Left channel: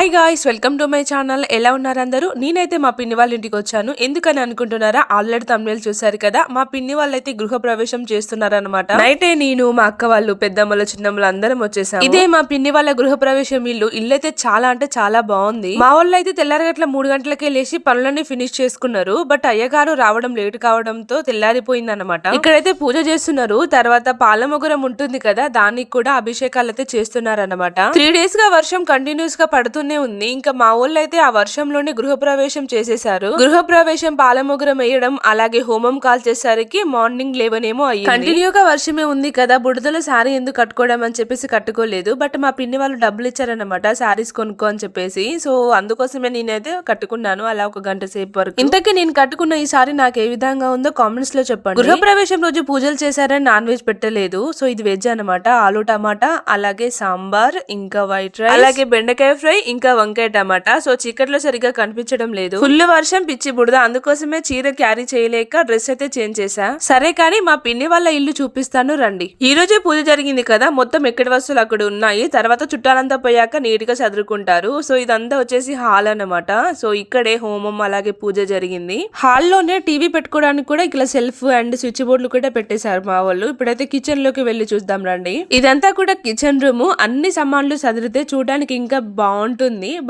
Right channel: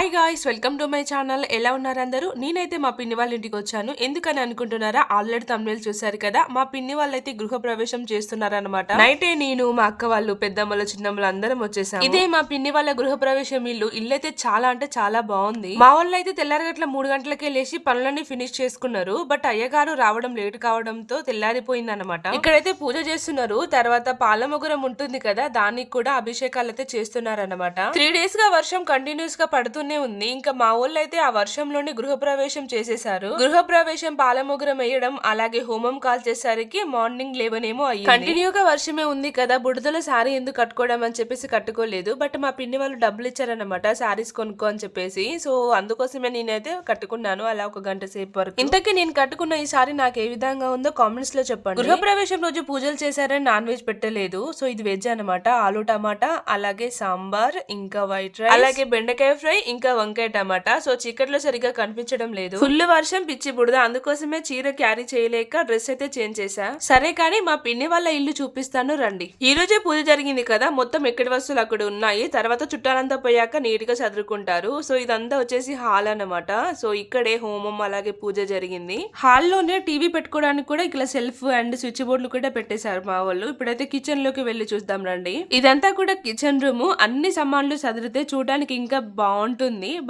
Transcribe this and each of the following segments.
Hi guys, welcome to my channel. ఎలా ఉన్నారు అందరూ? నేనైతే మా పిన్ని వాళ్ళ ఇంటికి వచ్చాను. ఎందుకని అనుకుంటున్నారా? ఆల్రెడీ తమిళ చూసారు కదా. మా పిన్ని వాళ్ళైతే గృహ ప్రవేశం చేస్తున్నారనమాట. నైటే నేను, మా అక్క వాళ్ళు, పెద్దమ్మలు, చిన్నమ్మలు అందరం వచ్చేసాము. ఇదే మా పిన్ని వాళ్ళ గృహ ప్రవేశం ఇల్లు అయితే చాలా అంటే చాలా బాగుంది. మా వాళ్ళు అయితే తెల్లారగట్ల 3 గంటలకే లేచి పనులన్నీ ఫినిష్ చేసుకున్నారు. బట్ అయ్యగారు రావడం లేట్ కావడంతో తెల్లారిపోయింది అనమాట. ఇక్కడైతే పూజ చేస్తున్నారు. తర్వాత పాలమొగరం ఉంటుంది కదా, దానికి కూడా అభిషేకాలు అయితే చేస్తున్నారు అనమాట. 3 days గా వర్షం కంటిన్యూస్ గా పడుతూనే ఉంది. ఇంకా మా ఊళ్ళో అయితే ఆ వర్షంలోనే గృహప్రవేశం చేసేశారు. గృహప్రవేశం పాలమొగరం వేయడం అలాగే హోమం కాల్చేసరికి మార్నింగ్ 11 ఏమో అయ్యింది. కంటిన్యూగా వర్షమే ఉంది కదా, బుడదల శారీ ఎందుకు కట్టుకోవడం అని చెప్పేసి కట్టుకోలేదు. బట్ మా పిన్ని వాళ్ళు డబ్బులు ఇచ్చారనమాట శారీస్ కొనుక్కో అని చెప్పేసి. సో అందుకోసమే నేనైతే కట్టుకున్నాను అలా ఒక గంట సేపు వరకు. ఇంతకీ నేను కట్టుకున్న ఈ సారీ నాకు ఏ విధంగా ఉందో కామెంట్స్ లో చెప్పండి. గృహప్రవేశం రోజు పూజలు చేశారని నాన్ వెజ్ పెట్టలేదు. సో ఇది వెజ్ అనమాట. ఆలు టమాటా అలాగే సాంబార్ ఇంకా వైట్ రైస్ అలాగే బెండకాయ ఫ్రై ఇంకా వంకాయ టమాటా. సో చీకట్లో సరిగా కనిపించడం లేదు. ఫుల్ వర్షం పిచ్చి బుడద, అందుకోసమే చీర క్యారీ చేయలేక డ్రెస్ అయితే చేంజ్ చేసా. సరే కానీ మా పిన్ని వాళ్ళ ఇల్లు చూపిస్తాను రండి. ఈ రోజే పూజ జరిగింది కదా, మొత్తం ఎక్కడి వస్తువులు అక్కడ ఉన్నాయి. తర్వాత చుట్టాలంతా పోయాక నీట్ గా చదువుకుంటారు. సో ఇదంతా వచ్చేసి హాల్ అన్నమాట. సో ఇక్కడే హోమం అలాగే పూజ జరిగింది. హాల్లోనే టీవీ పెట్టుకోవడానికి కూడా ఇక్కడ సెల్ఫ్ అండ్ స్విచ్ బోర్డులు కూడా పెట్టేశారు మా వాళ్ళు. ఇప్పుడైతే కిచెన్ లోకి వెళ్లి చూద్దాం రండి. ఇదంతా కూడా కిచెన్ రూమ్. అన్ని సామాన్లు చదివితే చూడడానికి ఇంకా బాగుంటుంది.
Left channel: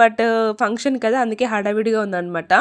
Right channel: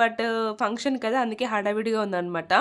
బట్ ఫంక్షన్ కదా, అందుకే హడావిడిగా ఉందన్నమాట.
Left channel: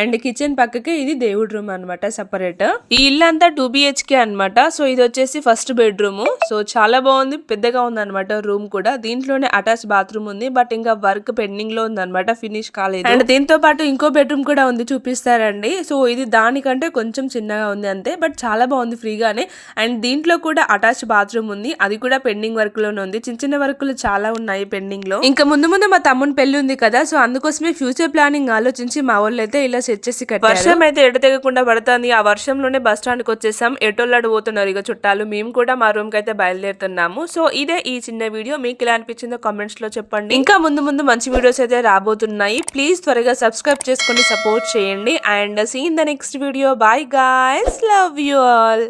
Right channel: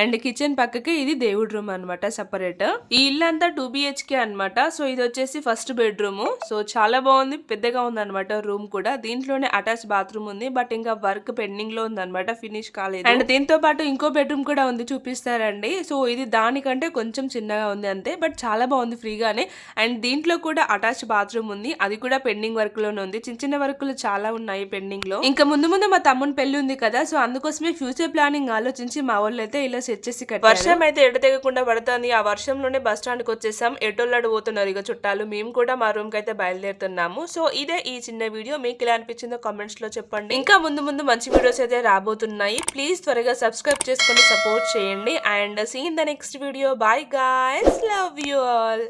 అండ్ కిచెన్ పక్కకి ఇది దేవుడి రూమ్ అనమాట సపరేట్. ఈ ఇల్లు అంతా 2 BHK అనమాట. సో ఇది వచ్చేసి ఫస్ట్ బెడ్రూమ్. సో చాలా బాగుంది, పెద్దగా ఉంది అనమాట రూమ్ కూడా. దీంట్లోనే అటాచ్ బాత్రూమ్ ఉంది. బట్ ఇంకా వర్క్ పెండింగ్ లో ఉంది అనమాట, ఫినిష్ కాలేదు. అండ్ దీంతో పాటు ఇంకో బెడ్రూమ్ కూడా ఉంది, చూపిస్తారండి. సో ఇది దానికంటే కొంచెం చిన్నగా ఉంది అంతే, బట్ చాలా బాగుంది ఫ్రీగానే. అండ్ దీంట్లో కూడా అటాచ్ బాత్రూమ్ ఉంది, అది కూడా పెండింగ్ వర్క్ లోనే ఉంది. చిన్న చిన్న వర్క్లు చాలా ఉన్నాయి పెండింగ్ లో. ఇంకా ముందు ముందు మా తమ్ముని పెళ్లి ఉంది కదా, సో అందుకోసమే ఫ్యూచర్ ప్లానింగ్ ఆలోచించి మా వాళ్ళు అయితే ఇలా సెట్ చేసి కట్టారు. వర్షం అయితే ఎటు తెగకుండా పడుతుంది. ఆ వర్షంలోనే బస్ స్టాండ్ కి వచ్చేసాం. ఎటోళ్ళడు పోతున్నారు ఇక చుట్టాలు. మేము కూడా మా రూమ్ కి అయితే బయలుదేరుతున్నాము. సో ఇదే ఈ చిన్న వీడియో. మీకు ఎలా అనిపించిందో కామెంట్స్ లో చెప్పండి. ఇంకా ముందు ముందు మంచి వీడియోస్ అయితే రాబోతున్నాయి. ప్లీజ్ త్వరగా సబ్స్క్రైబ్ చేసుకొని సపోర్ట్ చేయండి. And see in the next video. Bye guys, love you all.